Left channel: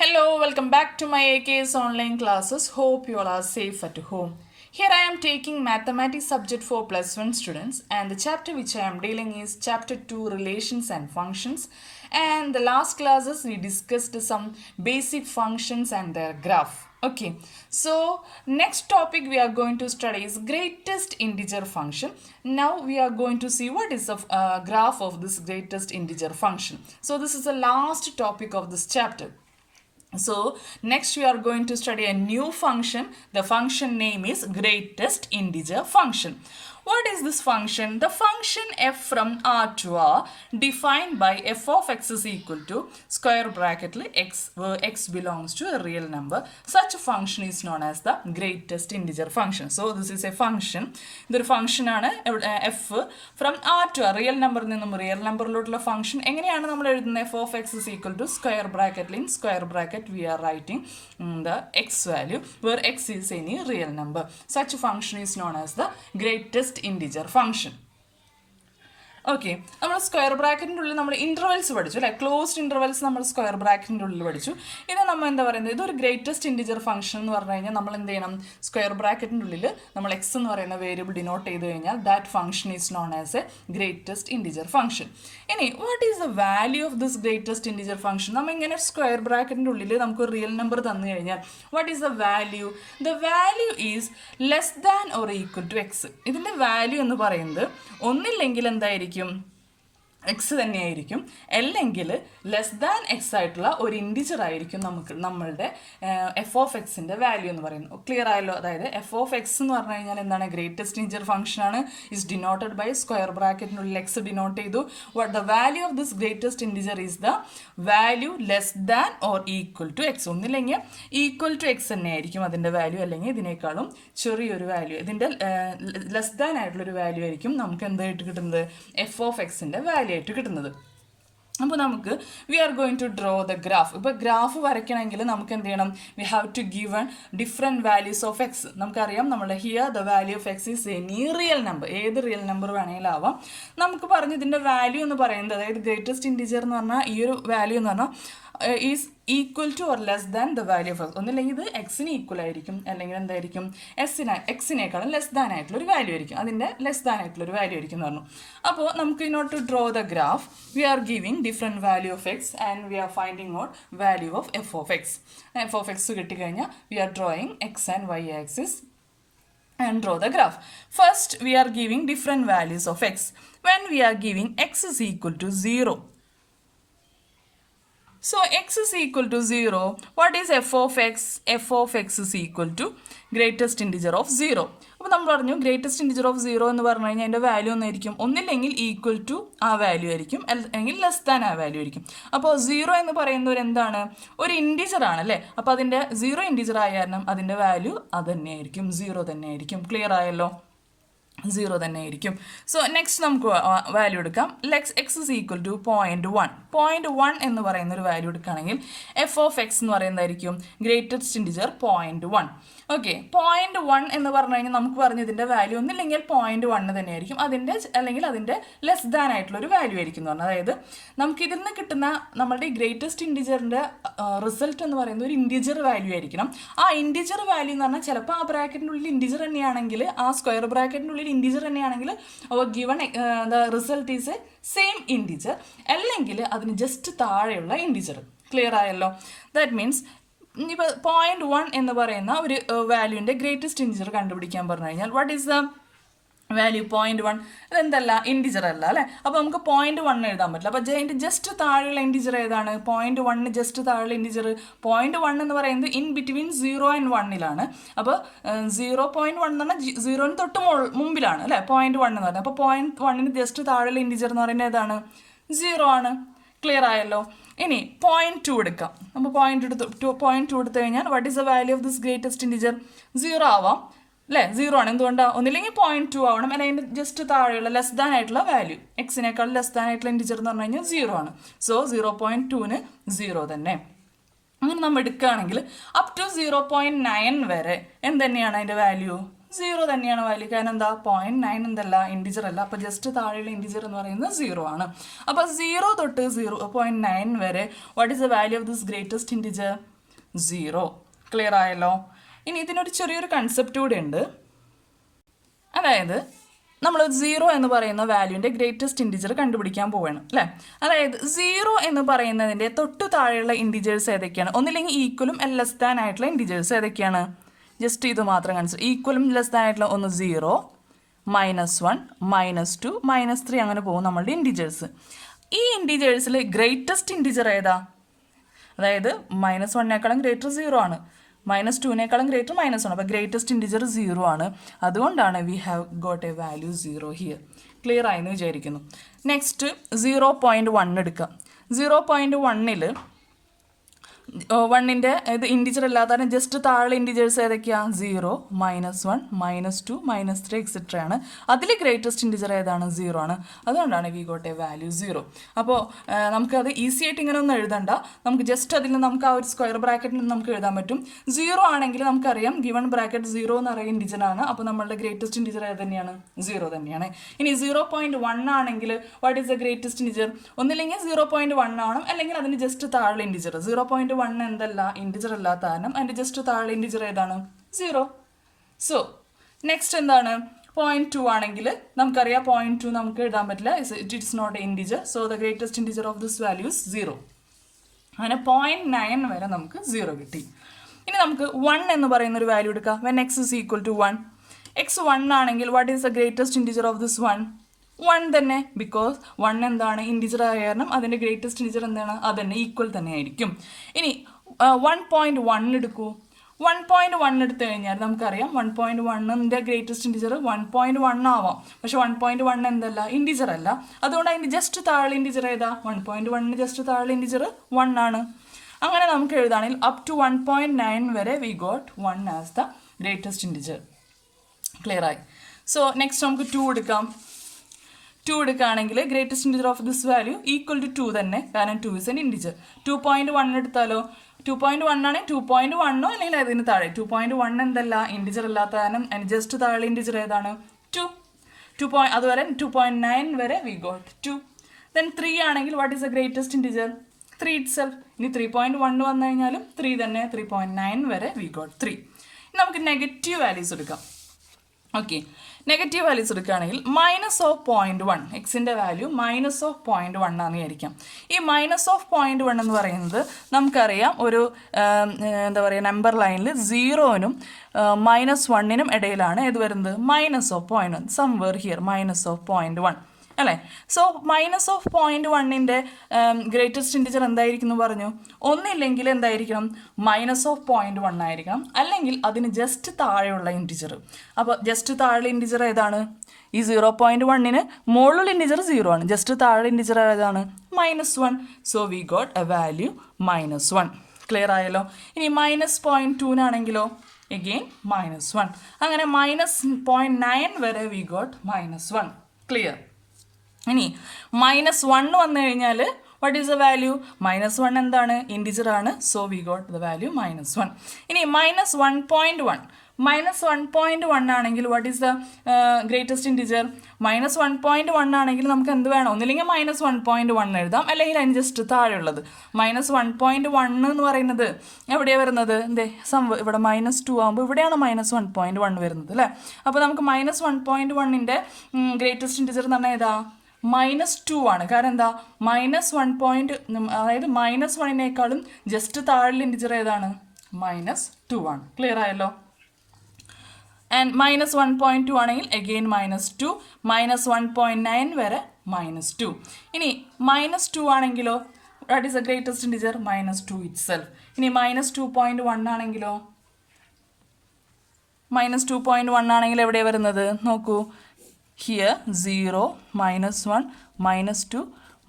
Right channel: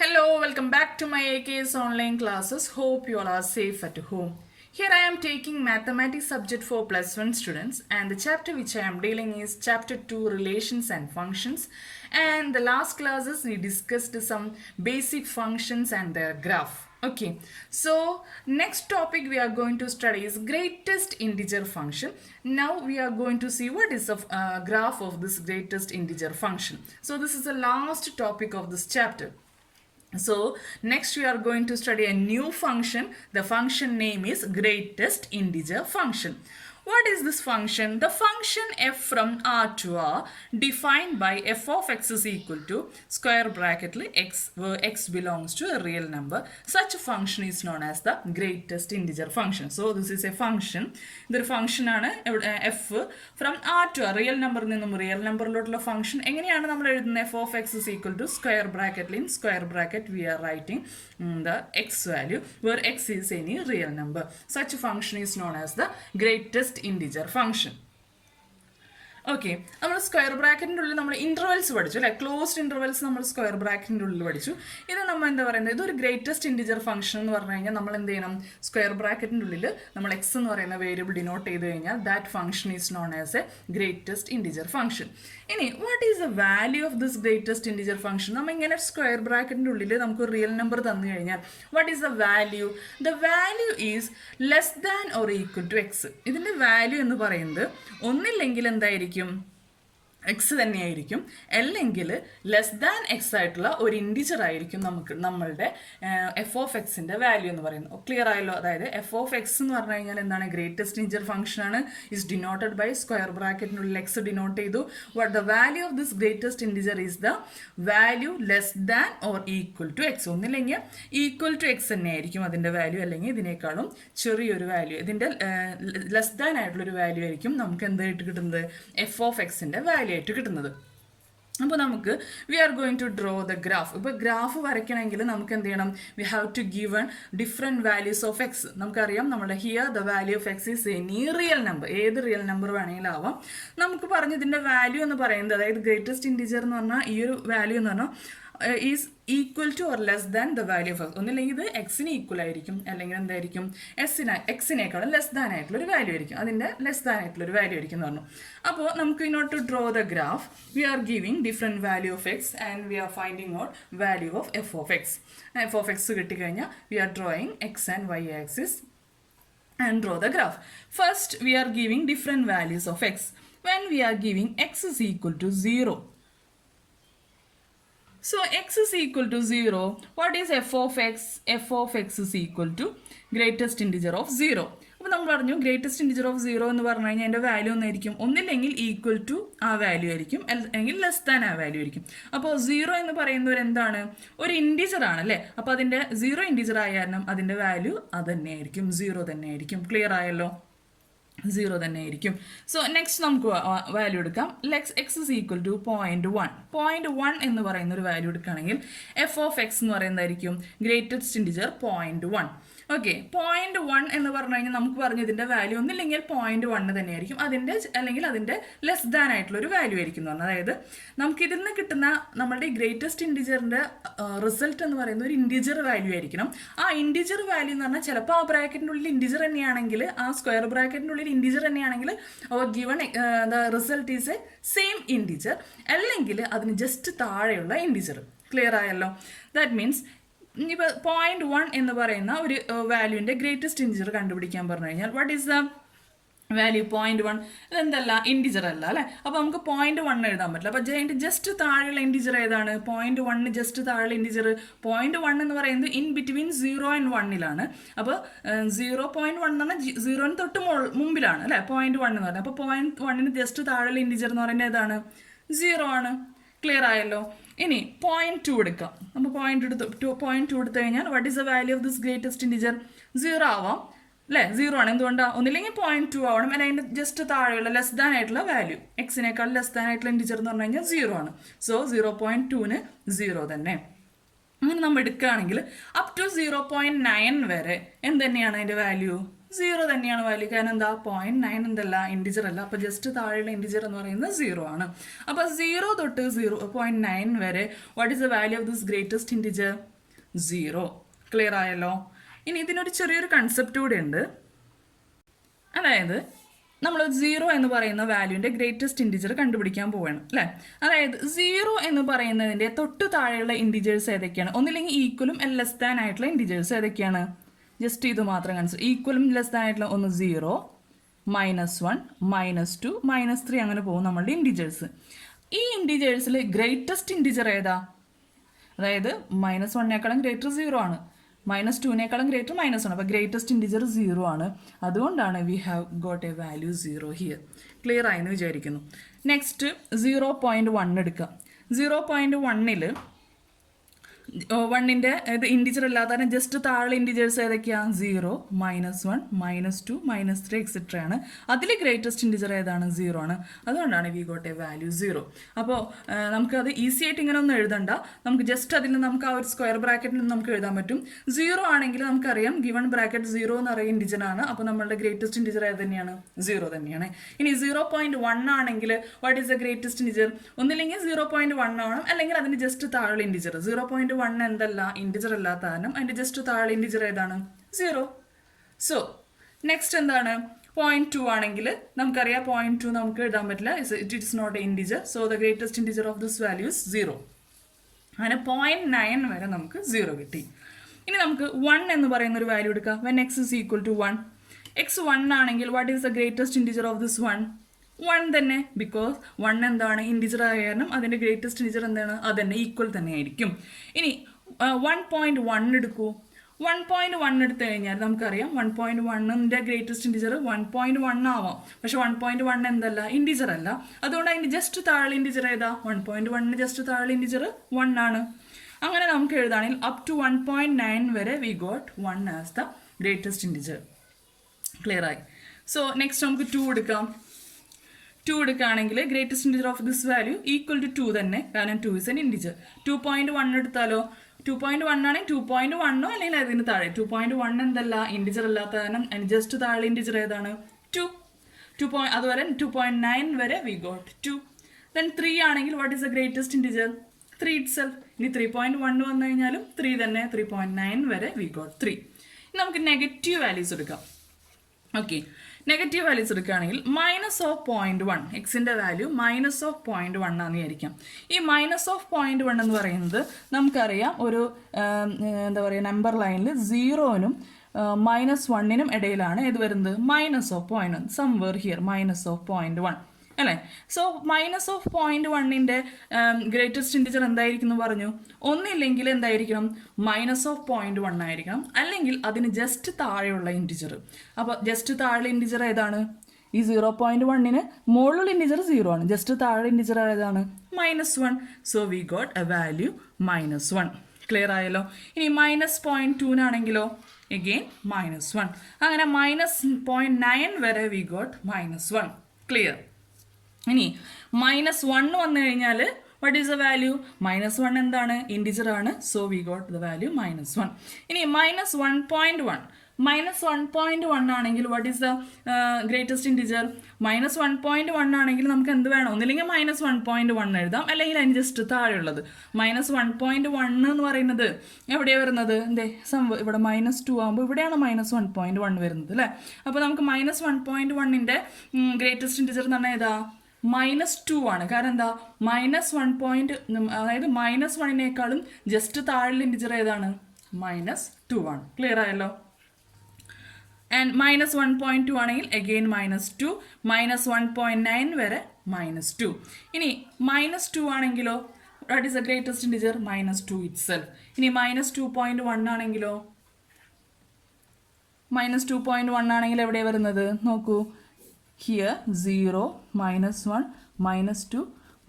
Hello, welcome back to my AKS online classes. Hope you all are safe at home. Here I am taking mathematics subject for plus 1 students, and the chapter which I am dealing is chapter 2, Relations and Functions. And the last classes we discussed some basic functions and their graph. Okay, so next topic we are going to study is greatest integer function. Now we are going to see what is the graph of this greatest integer function. So this is the last topic of this chapter. So next we are going to study a new function. The function name is greatest integer function. What is this function? The function f from R to R defined by f of x is equal to square bracket x, where x belongs to a real number. Such a function is known as the greatest integer function. So this is a function. The function ആണ് f from R to R. Real number നിന്നും real number ലോട്ടുള്ള function എങ്ങനെയാണ് നമ്മൾ എഴുതുന്നത്? f of x is equal to square bracket. In square bracket we are writing the x value where x is any real number. Such a function is known as the greatest integer function. Okay, നമ്മൾ square ബ്രാക്കറ്റിൻ്റെ ഉള്ളിൽ നമ്മൾ intervals പഠിച്ചു അല്ലേ? Closed intervals നമ്മൾ square ബ്രാക്കറ്റിൻ്റെ ഉള്ളിൽ പഠിച്ചു. ഇത് നമ്മൾ എന്താ പറയുന്നത്? ഇതൊരു ഗ്രേറ്റസ്റ്റ് ഇൻറ്റിജർ ഫംഗ്ഷൻ എന്ന് പറഞ്ഞു കഴിഞ്ഞാൽ നമ്മൾ എന്ത് ചെയ്യണം? സ്ക്വയർ ബ്രാക്കറ്റിൻ്റെ ഉള്ളിൽ നമ്മൾ എക്സ് എന്ന് പറയുന്ന വേരിയബിൾ ഡിനോട്ട് ചെയ്ത് കഴിഞ്ഞാൽ that function is known as a greatest integer function. ഇനി what is the value of this greatest integer function? നമ്മൾ ഇങ്ങനെ സ്ക്വയർ ബ്രാക്കറ്റിൻ്റെ ഉള്ളിൽ നമുക്ക് റിയൽ നമ്പർ തന്നു കഴിഞ്ഞാൽ what is the value? The value is less than or equal to x. ഇതിൻ്റെ value എന്ന് പറയുന്നത് ഒന്നില്ലെങ്കിൽ എന്തായിരിക്കും? എക്സ് തന്നെയായിരിക്കും, അല്ലെങ്കിൽ ലെസ് ദാൻ എക്സ് ആയിട്ടുള്ള ഒരു ഇൻറ്റിജർ ആയിരിക്കും നമ്മളുടെ എഫ് ഓഫ് എക്സിൻ്റെ വാല്യൂ എന്ന് പറയുന്നത്. ക്ലിയർ ആയല്ലോ? അതായത് എഫ് ഓഫ് എക്സ് എന്ന് പറഞ്ഞു കഴിഞ്ഞാൽ എന്താണ്? ഗ്രേറ്റസ്റ്റ് ഇൻറ്റിജർ ഫംഗ്ഷൻ ആണ്. ഇസ് ഡിനോട്ടഡ് ബൈ സ്ക്വയർ ബ്രാക്കറ്റിനുള്ളിൽ എക്സ് ഡിനോട്ട് ചെയ്തു. What the value of this greatest integer is the value less than or equal to x. ഒന്നില്ലെങ്കിൽ ഈക്വൽ ടു എക്സ് തന്നെയായിരിക്കും അതിൻ്റെ വാല്യൂ, അല്ലെങ്കിൽ ഇതിനേക്കാളും ചെറിയൊരു വാല്യൂ, ഇതിൻ്റെ ലെസ് ദാൻ ആയിട്ടുള്ളൊരു വാല്യൂ ആയിരിക്കും നമുക്ക് എന്തായിട്ട് കിട്ടുന്നത്? എഫ് ഓഫ് എക്സിൻ്റെ വാല്യൂ ആയിട്ട് കിട്ടുന്നത്. അപ്പോൾ നമുക്ക് we are going to draw the graph. ഇപ്പോൾ ഗ്രാഫ് വരയ്ക്കണമെങ്കിൽ നമുക്ക് എന്ത് ചെയ്യണം? We have to given different values of x. നമുക്കറിയാം നമ്മുടെ here the value of x is any real number. ഏത് റിയൽ നമ്പർ വേണമെങ്കിലും ആവാം. നമുക്ക് പറഞ്ഞ് ഇതിൻ്റെ വാല്യൂ എന്ന് പറയുന്നത്, അതായത് ഗ്രേറ്റസ്റ്റ് ഇൻറ്റിജർ എന്ന് പറഞ്ഞാൽ ഈ ഒരു വാല്യൂ എന്ന് പറഞ്ഞാൽ is equal two or less than the value of X. ഒന്നില്ലെങ്കിൽ ഇത് എക്സിന് ഈക്വൽ ആയിരിക്കും, അല്ലെങ്കിൽ എന്തായിരിക്കും? എക്സിനേക്കാളും ലെസ് ദാൻ ആയിട്ടുള്ളൊരു വാല്യൂ ആയിരിക്കും. അതിൻ്റെ ലെസ് ദാൻ ആയിട്ടുള്ളൊരു വാല്യൂ ആയിരിക്കും എന്ന് പറഞ്ഞു. അപ്പോൾ നമുക്ക് in order to draw the graph we are giving different value of x and we are finding out value of f of x. F of x കിട്ടിക്കഴിഞ്ഞാൽ we are drawing x and y axis and draw the graph. First we are giving different values of x. When we are giving x is equal to 0, so x is equal to 0, what is f of x? F of x is equal to greatest integer of 0. അപ്പോൾ നമ്മൾ പറഞ്ഞു greatest integer of 0 എന്ന് പറഞ്ഞു കഴിഞ്ഞാൽ അതിൻ്റെ value ഒന്നായിരിക്കും, ഒന്നില്ലെങ്കിൽ equal to ആ വാല്യൂ ആയിരിക്കും, അല്ലെങ്കിൽ ലെസ് ദാൻ ആ വാല്യൂ ആയിരിക്കും. അപ്പോൾ 0 എന്ന് പറയുന്നത് എന്താണ്? ഒരു ഇൻറ്റിജർ ആണ് അല്ലേ? അപ്പോൾ അതിൻ്റെ 0 ഇൻറ്റിജർ ആയ കാരണം അതിൻ്റെ വാല്യൂ അത് തന്നെയായിരിക്കും, 0 തന്നെയായിരിക്കും. ക്ലിയർ ആയല്ലോ? 0 തന്നെയായിരിക്കും. സോ നെക്സ്റ്റ് നമുക്ക് വാല്യൂ എടുക്കാം. X is equal to 0.1. 0.1 എന്ന് പറയുന്ന ഒരു വാല്യൂ എടുക്കുകയാണെങ്കിൽ എഫ് ഓഫ് എക്സ് എന്ന് പറയുന്നതായിരിക്കും ഗ്രേറ്റസ്റ്റ് ഇൻറ്റിജർ 0.1. ഓക്കെ, 0.1 എന്ന് പറഞ്ഞു കഴിഞ്ഞാൽ നമുക്ക് പറഞ്ഞു ഇതിൻ്റെ വാല്യൂ ഒന്നില്ലെങ്കിൽ 0.1 തന്നെയായിരിക്കും, അതിൻ്റെ അല്ലെങ്കിൽ അതിൻ്റെ ലെസ് ദാൻ ആയിട്ടുള്ളൊരു വാല്യൂ ആയിരിക്കും എന്ന് പറഞ്ഞാൽ. അതായത് നമുക്ക് ഇതിൽ നിന്ന് കിട്ടുന്ന നമ്മുടെ ഗ്രേറ്റസ്റ്റ് ഇൻറ്റിജറിൻ്റെ റിസൾട്ട് എന്ന് പറയുന്നത് ഒരു ഇൻറ്റിജർ വാല്യൂ ആയിരിക്കണം. ആ ഇൻറ്റിജർ വാല്യൂ എന്ന് പറഞ്ഞാൽ ചിലപ്പോൾ ആ ബ്രാക്കറ്റിൻ്റെ ഉള്ളിൽ ഇൻറ്റിജർ തന്നെയാണെങ്കിൽ, ആ സ്ക്വയർ ബ്രാക്കറ്റിൻ്റെ ഉള്ളിൽ ഇൻറ്റിജർ തന്നെയാണെങ്കിൽ given the result is A same integer, അല്ലെങ്കിൽ അതിന് ജസ്റ്റ് താഴെയുള്ള ഇൻറ്റിജർ. ക്ലിയർ ആയല്ലോ? ദാറ്റ് മീൻസ് ഇപ്പോൾ 0.1 എന്ന് പറയുന്ന ഒരു വാല്യൂവിൻ്റെ ഗ്രേറ്റസ്റ്റ് ഇൻറ്റിജർ കണ്ടുപിടിക്കാൻ പറഞ്ഞു കഴിഞ്ഞാൽ വാട്ട് ഈസ് ദ വാല്യൂ? 0.1. ഇതെന്തല്ല? ഇൻറ്റിജർ അല്ല അല്ലേ? അപ്പോൾ നമുക്ക് 0.1 എഴുതാൻ പറ്റില്ല. അപ്പോൾ അതിൻ്റെ ജസ്റ്റ് താഴെയുള്ള ഇൻറ്റിജർ ഏതാണ്? 0.1 ജസ്റ്റ് താഴെയുള്ള ഇൻറ്റിജർ 0.1 എന്ന് പറയുന്നത് ഇൻ ബിറ്റ്വീൻ 0 and 1 അപ്പോൾ 0.1 എന്ന് പറഞ്ഞാൽ 0 തൊട്ട് മുമ്പിലാണ് അല്ലേ 0.1 എന്ന് പറയുന്നത്. അപ്പോൾ 0.1 ജസ്റ്റ് താഴെയുള്ള ഇൻറ്റിജർ എന്ന് പറയുന്നത് ഏതാണ്? 0 ആണ്. ക്ലിയർ ആയല്ലോ? ഇനി 0.2 എടുക്കാം. നമ്മൾ 0.2 എടുത്തു കഴിഞ്ഞാൽ what is the value of this greatest integer? 0 ആവാം അല്ലേ? 0 ആണ്. എന്തുകൊണ്ടാണ്? ഒന്നില്ലെങ്കിൽ 0.2 ആവണം, അല്ലെങ്കിൽ അതിൻ്റെ ജസ്റ്റ് താഴെയുള്ള ലെസ് ദാൻ ആയിട്ടുള്ള വാല്യൂ, എക്സിനേക്കാൾ ലെസ് ദാൻ ആയിട്ടുള്ള ഇൻറ്റിജർ എന്ന് പറഞ്ഞു കഴിഞ്ഞാൽ 0 ആണ്. സോ 0.2ന് 0 തന്നെ. അങ്ങനെ നമ്മൾ എടുക്കുകയാണെങ്കിൽ അപ് ടു 0.9 വരെ എന്ത് തന്നെയാണ് അതിൻ്റെ വാല്യൂ? സീറോ തന്നെയാണ് വാല്യൂ. കാരണം എന്താ 0.9 എന്തല്ല ഇൻഡിജർ അല്ല. അപ്പോൾ ജസ്റ്റ് താഴെയുള്ള ഇൻഡിജർ എന്ന് പറയുന്നത് 0 ആണ്. അപ്പോൾ 0 തൊട്ട് 0.9 വരെ what is the value of this greatest integer? 0. Clear ആയല്ലോ? ഇനി ഇതിനൊരു ചെറിയൊരു കൺസെപ്റ്റ് കൂടെ ഉണ്ട്. അതായത് നമ്മൾ 0 എന്ന് പറയുന്ന വാല്യൂവിൻ്റെ ഗ്രേറ്റസ്റ്റ് ഇൻഡിജർ കണ്ടുപിടിക്കാൻ പോവുകയാണ് അല്ലേ? അതായത് 0 എന്ന് പറയുന്നതിൻ്റെ തൊട്ട് താഴെയുള്ള ഇൻഡിജേഴ്സ് ഏതൊക്കെയാണ്? ഒന്നില്ലെങ്കിൽ ഈക്വലും ലെസ് ദാൻ ആയിട്ടുള്ള ഇൻഡിജേഴ്സ് ഏതൊക്കെയാണ്? ജസ്റ്റ് ഇത് മാത്രം കൺസിഡർ. ഈക്വലും ലെസ് ദാൻ ആയിട്ടുള്ള ഒന്ന് 0, -1, -2, -3 അങ്ങനെ പോകും നമ്മളുടെ ഇൻഡിജേഴ്സ്. ഈ ഇൻഡിജേഴ്സിൽ ഗ്രേറ്റസ്റ്റ് ഇൻഡിജർ ഏതാ? അതായത് -1നേക്കാളും ഗ്രേറ്റർ 0 ആണ്, -2നേക്കാളും ഗ്രേറ്റർ -1. അപ്പോൾ ഗ്രേറ്റസ്റ്റ് ഇൻഡിജർ 0 ആണ്. അതുകൊണ്ടാണ് we have got A value 0 here. Clear ആയെന്ന് വിചാരിക്കുന്നു. നെക്സ്റ്റ് 0.1 എടുക്കാം. 0.1ൽ 1ൻ്റെ ഇത് ഇൻഡിജർ അല്ലാതെ ജസ്റ്റ് താഴെ ഇൻഡിജേഴ്സ് ഏതൊക്കെയാണ്? 0, -1, -2, -3 എക്സെട്ര ആണ്. അതിൽ ഗ്രേറ്റസ്റ്റ് ഇൻഡിജർ ഏതാണ്? 0 ആണ്. അതുകൊണ്ടാണ് വി ഗോട്ട് എ വാല്യൂ 0. അപ്പോൾ നമുക്കത് ഈസി ആയിട്ട് ഇങ്ങനെ ഒന്നും എഴുതണ്ട. നമുക്ക് ജസ്റ്റ് അതിൽ നമുക്ക് ആ ഒരു സ്ക്വയർ ബ്രാക്കറ്റിൽ നിന്ന് നമുക്ക് എഴുതാൻ പറ്റും. 0 ആണെങ്കിൽ നമുക്കറിയാം ഗിവൺ ബ്രാക്കറ്റ് 0 എന്ന് പറയുന്ന ഇൻഡിജർ ആണ്. അപ്പോൾ നമ്മളുടെ ഗ്രേറ്റസ്റ്റ് ഇൻഡിജർ ഏത് തന്നെയാണ്? 0 തന്നെയാണ്. ഇനി 0.1 ആണെങ്കിൽ what is the greatest integer? ഒന്നില്ലെങ്കിൽ 0.1 ആവണം, അല്ലെങ്കിൽ അതിന് ജസ്റ്റ് താഴെ ഇൻഡിജർ. 0.1 എന്തല്ല ഇൻഡിജർ അല്ലാത്ത കാരണം അതിൻ്റെ ജസ്റ്റ് താഴെ ഇൻഡിജർ ഏതാണ്? 0. സോ നെക്സ്റ്റ് എന്താണ്? 0.2 ആണെങ്കിൽ നമുക്കറിയാം 0.2 നമുക്ക് എഴുതാൻ പറ്റില്ല. It is not a integer. So the greatest integer of this value is 0. അങ്ങനെ 0.9 വരെ നമുക്ക് 0 കിട്ടി. ഇനി നമുക്ക് 1 എന്ന് പറയുന്ന ഒരു വാല്യൂ എടുക്കാം. When x is equal to 1. x 1 ആണെങ്കിൽ what is the greatest integer of this 1? 1 തന്നെ. ബിക്കോസ് 1 എന്താണ് ഇൻഡിജർ ആയ കാരണം അതിൻ്റെ ഗ്രേറ്റസ്റ്റ് ഇൻഡിജർ എന്താണ്? അത് തന്നെ ഈക്വൽ തന്നെ ആയിരിക്കും. ഇനി 1.1 എടുക്കൂ. 1.1 എടുത്തു കഴിഞ്ഞാൽ നമുക്കറിയാം 1.1ൻ്റെ ഗ്രേറ്റസ്റ്റ് ഇൻഡിജർ 1.1 ആവാം. പക്ഷെ 1.1 എന്തല്ല ഇൻഡിജർ അല്ല. അതുകൊണ്ട് അതിൻ്റെ ജസ്റ്റ് താഴെ ഇൻഡിജർ ഏതാ? 1.1ന് ജസ്റ്റ് താഴെ ഇൻഡിജർ 1 ആണ്. അങ്ങനെ നമുക്ക് എഴുതാണെങ്കിൽ അപ് ടു 1.9 വരെ we got 1 as the greatest integer. Clear ആയി? സോ നെക്സ്റ്റ് നമുക്ക് 2 എടുക്കാം. 2 എടുക്കുകയാണെങ്കിൽ greatest integer of this value equal to 2 തന്നെ, കാരണം 2 ഇസ് എൻ ഇൻഡിജർ. 2.1 എടുത്താലോ? 2.1 ആണെങ്കിൽ 2.1 അല്ലെങ്കിൽ അതിന് താഴെ. 2.1 എന്തല്ല ഇൻഡിജർ അല്ലാത്ത കാരണം ജസ്റ്റ് താഴെ ഇൻഡിജർ ഏതാണ്? 2. അതുവരെ 2.9 വരെ വി ഗോട്ട് 2. ദെൻ 3 ആണെങ്കിൽ what is the greatest integer? 3 it self. ഇനി 3.1 വന്നു കഴിഞ്ഞാലും 3 തന്നെ. 3.9 വരെ വി ഗോട്ട് 3. ഇനി നമുക്ക് നെഗറ്റീവ് വാല്യൂസ് എടുക്കാം. ഓക്കെ, നെഗറ്റീവ് വാല്യൂസ് എടുക്കുകയാണെങ്കിൽ -0.1 എക്സിൻ്റെ വാല്യൂ -0.1 ആണെന്ന് വിചാരിക്കാം. ഈ -0.1 എന്ന് പറയുന്നത് നമുക്കറിയാം ഒരു എന്താ പറയുക നമ്പർ ലൈനിൽ 0നും -1നും ഇടയിലാണ് ഇത് വരുന്നത്. -0.1 സംവേർ ഹിയർ -0.1 അല്ലേ? സോ -0.1ൻ്റെ ഗ്രേറ്റസ്റ്റ് ഇൻഡിജർ എന്തായിരിക്കും എന്ന് പറഞ്ഞു? ഒന്നില്ലെങ്കിൽ എന്തായിരിക്കണം? -0.1 ആയിരിക്കണം, അല്ലെങ്കിൽ അതിന് ജസ്റ്റ് താഴെയുള്ള ഇൻഡിജർ. അപ്പോൾ ജസ്റ്റ് താഴെ ഇൻഡിജർ ഏതാണ്? ഈ 0.1ന് മുകളിലുള്ള ഇൻഡിജർ 0 ആണ്. ജസ്റ്റ് താഴെ ഇൻഡിജർ ഏതാണ്? -1. So we got A value -1. Clear ആയല്ലോ? ഇനി -0.2നാണെങ്കിലോ എഗെയിൻ -1. അങ്ങനെ -0.9 വരെ വി ഗോട്ട് -1. ക്ലിയർ? ഇനി -1 വന്നു കഴിഞ്ഞാൽ വാട്ട് ഈസ് ദ വാല്യൂ? -1 എന്താണ് ഇൻഡിജർ ആണ്. So we got the value -1. ഇനി -1.1. -1.1 ആണെങ്കിൽ what is the greatest integer? -1.1 ആണെങ്കിൽ നമുക്ക് എന്ത് വേണം? ഒന്നില്ലെങ്കിൽ -1.1 എഴുതാം, അല്ലെങ്കിൽ അതിന് ജസ്റ്റ് താഴെയുള്ളത്. -1.1 എന്ന് പറയുന്നത് എവിടെയാണ് വരുന്നത്? ഇവിടെ -2 ആകുമ്പോൾ ഇവിടെയാണ് -1.1 വരുന്നത് അല്ലേ? അപ്പോൾ നമുക്ക് -1.1ൻ്റെ ഗ്രേറ്റസ്റ്റ് ഇൻഡിജർ എന്ന് പറഞ്ഞാൽ ഏതാ? -2 ആണ്. കാരണം എന്താ? അതായത് -1നേക്കാളും ജസ്റ്റ് താഴെ ഇൻഡിജർ ഏതാണ്? -2 ആണ്. ക്ലിയർ ആയല്ലോ? ആൻഡ് -1.2 ആണെങ്കിൽ അഗെയിൻ -2, -1.9 വരെ -2. ഇനി -2 ആണെങ്കിലോ what is the greatest integer? -2 it self. ഇനി -2.1 ആണെങ്കിലോ? -2.1 ആണെങ്കിൽ എവിടെയാണ് വരുന്നത്? നോക്കൂ, ഹിയർ 0, -1, -2,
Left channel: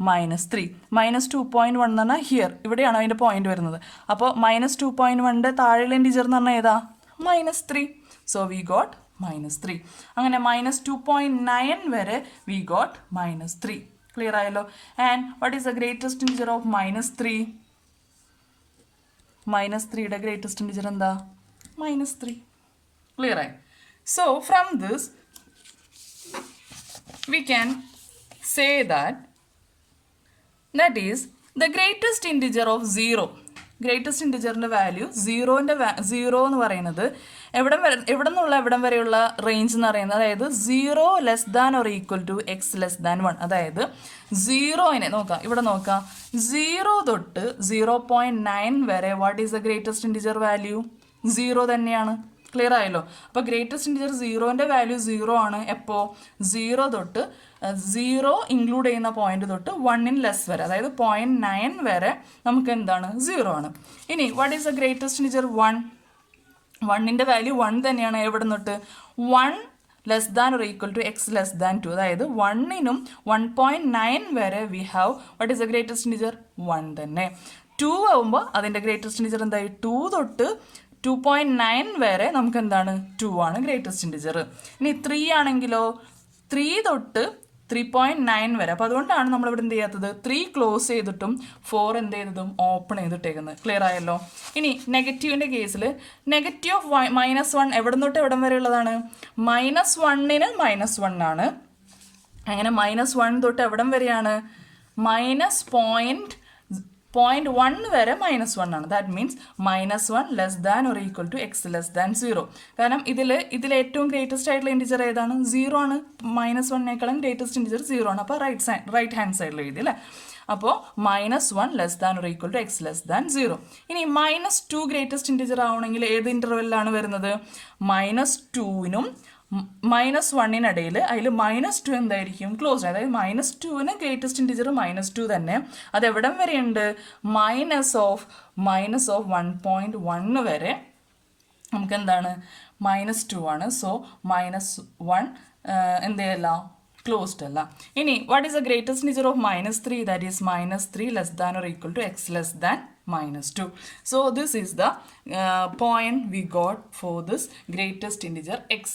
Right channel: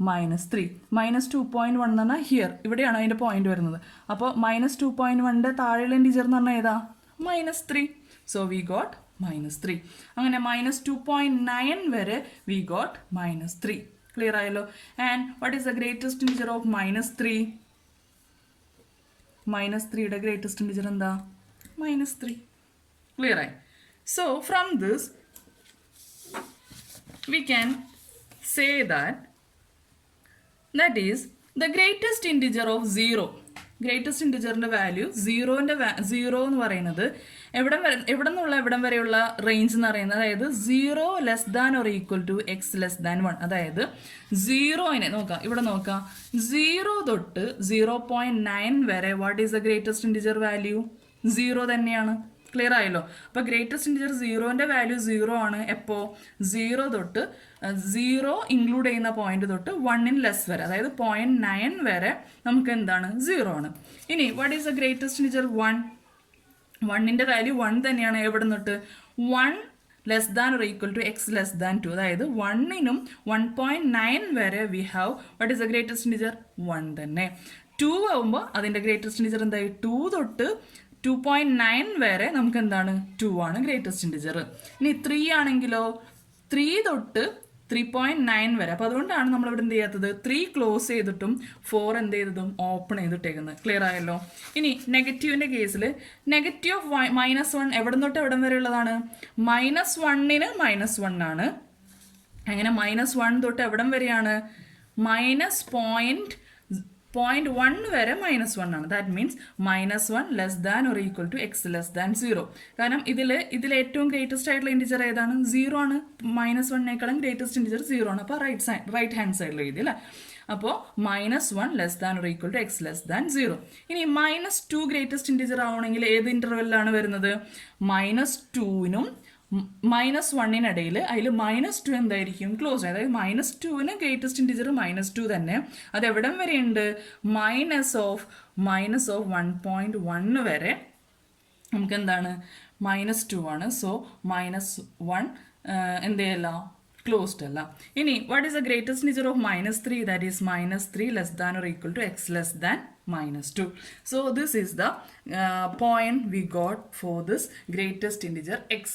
-3. -2.1 എന്ന് പറഞ്ഞാൽ ഹിയർ ഇവിടെയാണ് അതിൻ്റെ പോയിന്റ് വരുന്നത്. അപ്പോൾ -2.1ൻ്റെ താഴെയുള്ള ഇൻഡിജർ എന്ന് പറഞ്ഞാൽ ഏതാ? -3. So we got -3. അങ്ങനെ -2.9 വരെ വി ഗോട്ട് -3. ക്ലിയർ ആയല്ലോ? And what is the greatest integer of -3? -3യുടെ ഗ്രേറ്റസ്റ്റ് ഇൻഡിജർ എന്താ? -3. ക്ലിയർ ആയി? So from this we can say that is the greatest integer of 0. Greatest integer value 0 എന്ന് പറയുന്നത് എവിടെ നിന്നുള്ള എവിടം വരെയുള്ള റേഞ്ച് എന്ന് പറയുന്നത് അതായത് 0 less than or equal to x less than 1. അതായത് 0നെ നോക്കാം, ഇവിടെ നോക്കാം, 0 തൊട്ട് 0.9 വരെ what is the greatest integer value? 0 തന്നെയാണ്. ക്ലിയർ ആയല്ലോ? അപ്പോൾ ഗ്രേറ്റസ്റ്റ് ഇൻറ്റിജർ 0ൻ്റെ വാല്യൂ 0 ആണ്. എപ്പോൾ? 0 തൊട്ട് 0 ഇൻക്ലൂഡ് ചെയ്യുന്ന പോയിന്റ് തൊട്ട് 1 ലെസ് വരെ, അതായത് 0.9 വരെ നമുക്ക് എന്താണ്? 0 ആണ്. ഇനി what is the greatest integer? 1. 1ൻ്റെ വാല്യൂ 1 തന്നെയാണ്. എവിടെ നിന്നിട്ട്? 1 less than or equal to x less than 2. അതായത് 1നും 1.9 വരെ we have what is the greatest integer? 1 തന്നെ. 2 ആവുമ്പോൾ അതിൻ്റെ ഗ്രേറ്റസ്റ്റ് ഇൻറ്റിജർ എന്തായി? 2 തൊട്ട് 2.9 വരെ നമുക്ക് എന്താണ്? 2 ആണ് ഗ്രേറ്റസ്റ്റ് ഇൻറ്റിജർ. ഇനി 3 ആണെങ്കിലോ 3 തൊട്ട് 3.9 വരെ. അപ്പോൾ അതുകൊണ്ടാണ് നമ്മളിവിടെ എന്ത് ചെയ്യാത്തത്? 3 ക്ലോസ് ചെയ്തിട്ടും 4 എന്ത് ചെയ്തതും ഓപ്പൺ ചെയ്തിട്ടേക്കുന്നത്. ക്ലിയർ ആയല്ലോ? ഇനി നെഗറ്റീവിൻ്റെ കേസിൽ നെഗറ്റീവ് ഓഫ് -1 എവിടെ തൊട്ട് എവിടം വരെ ഉള്ളതാണ്? -1ന് -1 ആണ്. അങ്ങനെ -1 തൊട്ട് എവിടം വരെയാണ്? -0.1 വരെ -1 ആണ്. That means -1 less than or equal to x less than 0. കാരണം ഇതിൽ ഏറ്റവും ഗ്രേറ്റസ്റ്റ് ആയിട്ടുള്ള ഇൻറ്റിജർ ഏതാണ്? 0 ആണ്. -1നേക്കാളും ഗ്രേറ്റസ്റ്റ് ഇൻറ്റിജർ 0 ആണ്. അപ്പോൾ റൈറ്റ് ഹാൻഡ് സൈഡിൽ എഴുതി അല്ലേ? അപ്പോൾ -1 less than or equal to x less than 0. ഇനി -2 ഗ്രേറ്റസ്റ്റ് ഇൻറ്റിജർ ആവണമെങ്കിൽ ഏത് ഇൻ്റർവെല്ലാണ് വരുന്നത്? -2നും -1നിടയിൽ അതിൽ -2 എന്തായിരിക്കും? ക്ലോസ്. അതായത് -2ന് ഗ്രേറ്റസ്റ്റ് ഇൻറ്റിജർ -2 തന്നെ. അത് എവിടം വരെയുണ്ട്? മൈനസ് ഓഫ് 1.1 വരെ നമുക്ക് എന്താണ്? -2 ആണ്. സോ -1 എന്ത് ചെയ്യല്ല? ക്ലോസ്ഡ് അല്ല. ഇനി what is the greatest integer of -3? That is -3 less than or equal to x less than -2. So this is the point we got for this greatest integer x.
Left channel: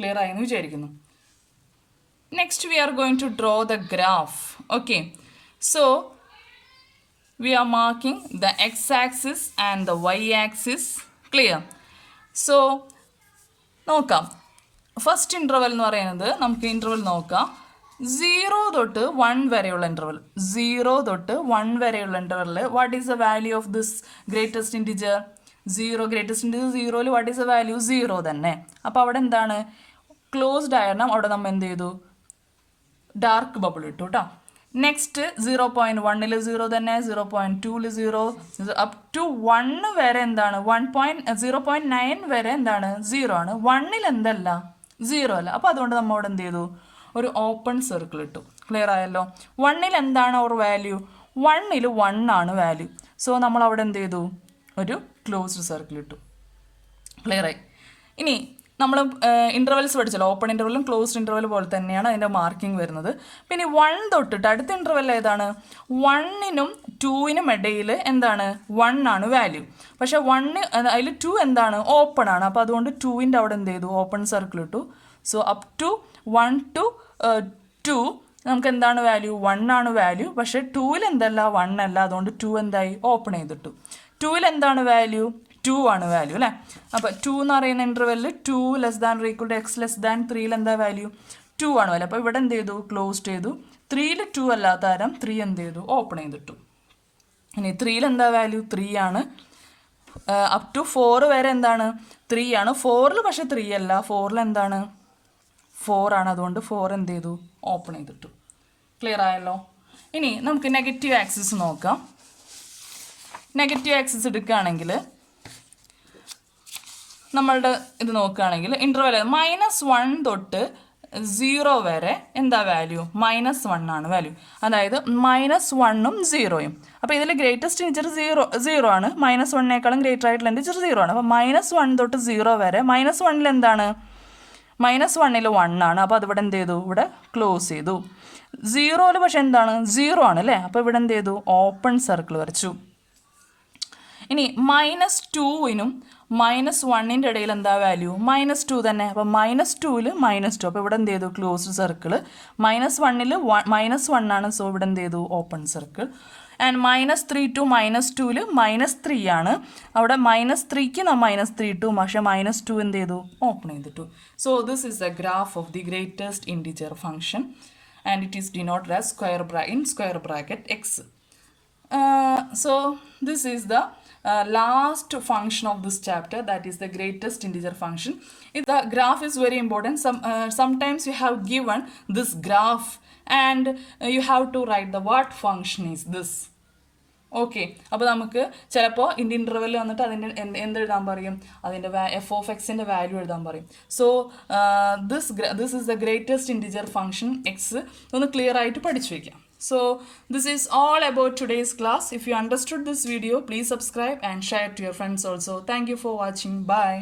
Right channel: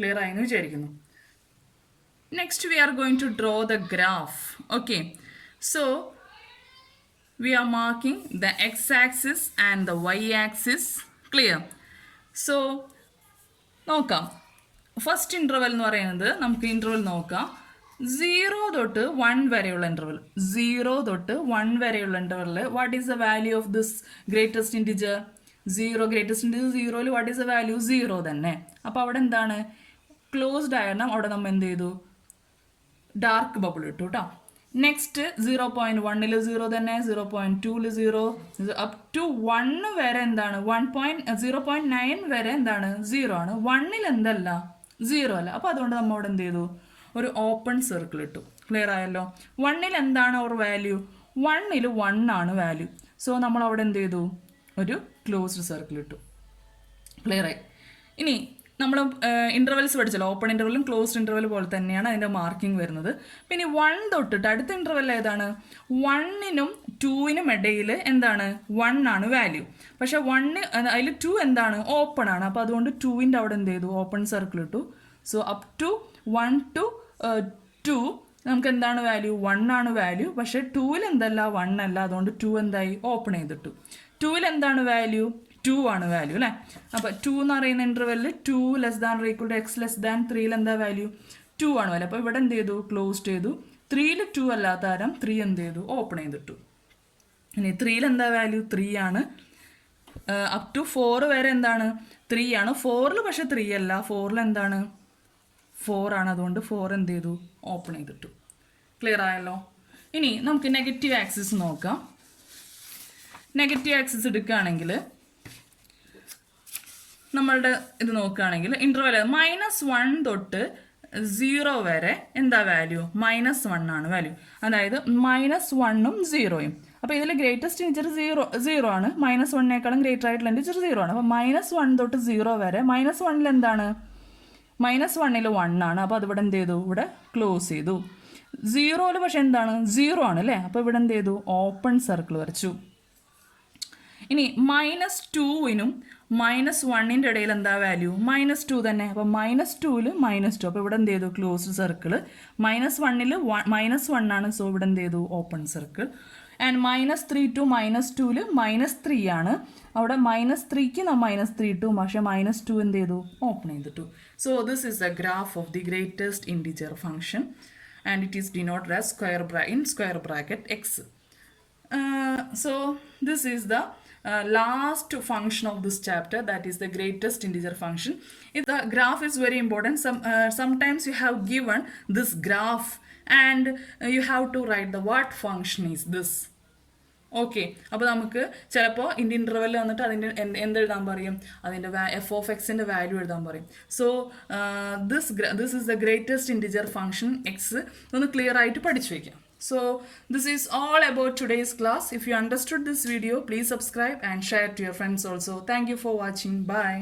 Clear ആയെന്ന് വിചാരിക്കുന്നു. Next we are going to draw the graph. Okay, so we are marking the x axis and the y axis. Clear? So നോക്കാം. First interval എന്ന് പറയുന്നത് നമുക്ക് interval നോക്കാം. 0 തൊട്ട് 1 വരെയുള്ള interval. 0 തൊട്ട് 1 വരെയുള്ള ഇൻ്റർവെല്ലിൽ what is the value of this greatest integer? 0. Greatest integer 0ൽ വാട്ട് ഈസ് ദ വാല്യൂ? 0 തന്നെ. അപ്പോൾ അവിടെ എന്താണ്? ക്ലോസ്ഡ് ആയിരുന്നു. അവിടെ നമ്മൾ എന്ത് ചെയ്തു? ഡാർക്ക് ബബിൾ ഇട്ടു കേട്ടോ. നെക്സ്റ്റ് 0.1ൽ 0 തന്നെ, 0.2ൽ 0, അപ് ടു 1 വരെ എന്താണ്? 0.9 വരെ എന്താണ്? 0 ആണ്. 1ൽ എന്തല്ല? 0 അല്ല. അപ്പോൾ അതുകൊണ്ട് നമ്മൾ അവിടെ എന്ത് ചെയ്തു? ഒരു ഓപ്പൺ സർക്കിൾ ഇട്ടു. ക്ലിയർ ആയല്ലോ? 1ൽ എന്താണ് അവർ വാല്യൂ? 1ൽ 1 ആണ് വാല്യൂ. സോ നമ്മൾ അവിടെ എന്ത് ചെയ്തു? ഒരു ക്ലോസ്ഡ് സർക്കിൾ ഇട്ടു. ക്ലിയർ ആയി? ഇനി നമ്മൾ ഇൻ്റർവെൽസ് പഠിച്ചല്ലോ. ഓപ്പൺ ഇൻ്റർവെല്ലും ക്ലോസ്ഡ് ഇൻ്റർവെൽ പോലെ തന്നെയാണ് അതിൻ്റെ മാർക്കിംഗ് വരുന്നത്. പിന്നെ 1 തൊട്ടിട്ട് അടുത്ത ഇൻ്റർവെൽ ഏതാണ്? 1നും 2നും ഇടയിൽ എന്താണ്? 1 ആണ് വാല്യൂ. പക്ഷേ 1 അതിൽ 2 എന്താണ്? ഓപ്പൺ ആണ്. അപ്പോൾ അതുകൊണ്ട് 2ൻ്റെ അവിടെ എന്ത് ചെയ്തു? ഓപ്പൺ സർക്കിൾ ഇട്ടു. സോ അപ് ടു 1 to 2 നമുക്ക് എന്താണ് വാല്യൂ? 1 ആണ് വാല്യൂ. പക്ഷേ 2ൽ എന്തല്ല? 1 അല്ല. അതുകൊണ്ട് 2 എന്തായി? ഓപ്പൺ ചെയ്തിട്ടു. 2ൽ എന്താണ് വാല്യൂ? 2 ആണ് വാല്യൂ അല്ലേ? അപ്പോൾ 2 എന്ന് പറയുന്ന ഇൻ്റർവെല്ലിൽ 2 less than equal to x less than 3ൽ എന്താ വാല്യൂ? 2 ആണ് വാല്യൂ. അപ്പോൾ ഇവിടെ എന്ത് ചെയ്തു? ക്ലോസ് ചെയ്തു. 3ൽ 2 അല്ലാത്ത തരം 3 എന്ത് ചെയ്തു? ഓപ്പൺ ചെയ്തിട്ടു. ഇനി 3ൽ എന്താ വാല്യൂ? 3 ആണ്. അപ് ടു 4 വരെ എന്താണ്? 3 ആണ്. 4ൽ പക്ഷേ 3 അല്ല. 4ൽ എന്താണ്? 4 ആണ്. അതുകൊണ്ട് 4 എന്ത് ചെയ്തു? ഓപ്പൺ ചെയ്തിട്ടു. ക്ലിയർ ആയല്ലോ? ഇനി നമുക്ക് നെഗറ്റീവ് ആക്സിസ് നോക്കാം. നെഗറ്റീവ് ആക്സിസ് എടുക്കുകയാണെങ്കിൽ നമ്മളുടെ ഇത് നോക്കുകയാണെങ്കിൽ ഇൻ്റർവെൽ -1 തൊട്ട് 0 വരെ എന്താ വാല്യൂ? -1 ആണ് വാല്യൂ. അതായത് -1ഉം 0യും. അപ്പോൾ ഇതിൽ ഗ്രേറ്റസ്റ്റ് ഇൻറ്റിജർ 0 ആണ്. -1നേക്കാളും ഗ്രേറ്റർ ആയിട്ടുള്ള ഇൻറ്റിജർ 0 ആണ്. അപ്പോൾ -1 തൊട്ട് 0 വരെ. -1ൽ എന്താണ്? -1ൽ 1 ആണ്. അപ്പോൾ അതിവിടെ എന്ത് ചെയ്തു? ഇവിടെ ക്ലോസ് ചെയ്തു. 0ൽ പക്ഷെ എന്താണ്? 0 ആണ് അല്ലേ? അപ്പോൾ ഇവിടെ എന്ത് ചെയ്തു? ഓപ്പൺ സർക്കിൾ വരച്ചു. ഇനി -2നും -1ൻ്റെ ഇടയിൽ എന്താ വാല്യൂ? -2 തന്നെ. അപ്പോൾ -2ൽ -2. അപ്പോൾ ഇവിടെ എന്ത് ചെയ്തു? Closed circle. -1ൽ -1 ആണ്. സോ ഇവിടെ എന്ത് ചെയ്തു? Open circle. ആൻഡ് -3 to -2 -3 ആണ്. അവിടെ -3ക്ക് -3 പക്ഷേ -2 എന്ത് ചെയ്തു, ഓപ്പൺ ചെയ്തിട്ടു. So this is the graph of the greatest integer function and it is denoted as square bracket x. So this is the last function of this chapter, that is the greatest integer function. The graph is very important. Sometimes you have given this graph and you have to write the what function is this. Okay, അപ്പോൾ നമുക്ക് ചിലപ്പോൾ ഇതിൻ്റെ interval വന്നിട്ട് അതിൻ്റെ എന്തെഴുതാൻ പറയും, അതിൻ്റെ F of എക്സിൻ്റെ value എഴുതാൻ പറയും. So this is the greatest integer function X ഒന്ന് ക്ലിയർ ആയിട്ട് പഠിച്ചു വയ്ക്കാം. So this is all about today's class. If you understood this video, please subscribe and share to your friends also. Thank you for watching. Bye.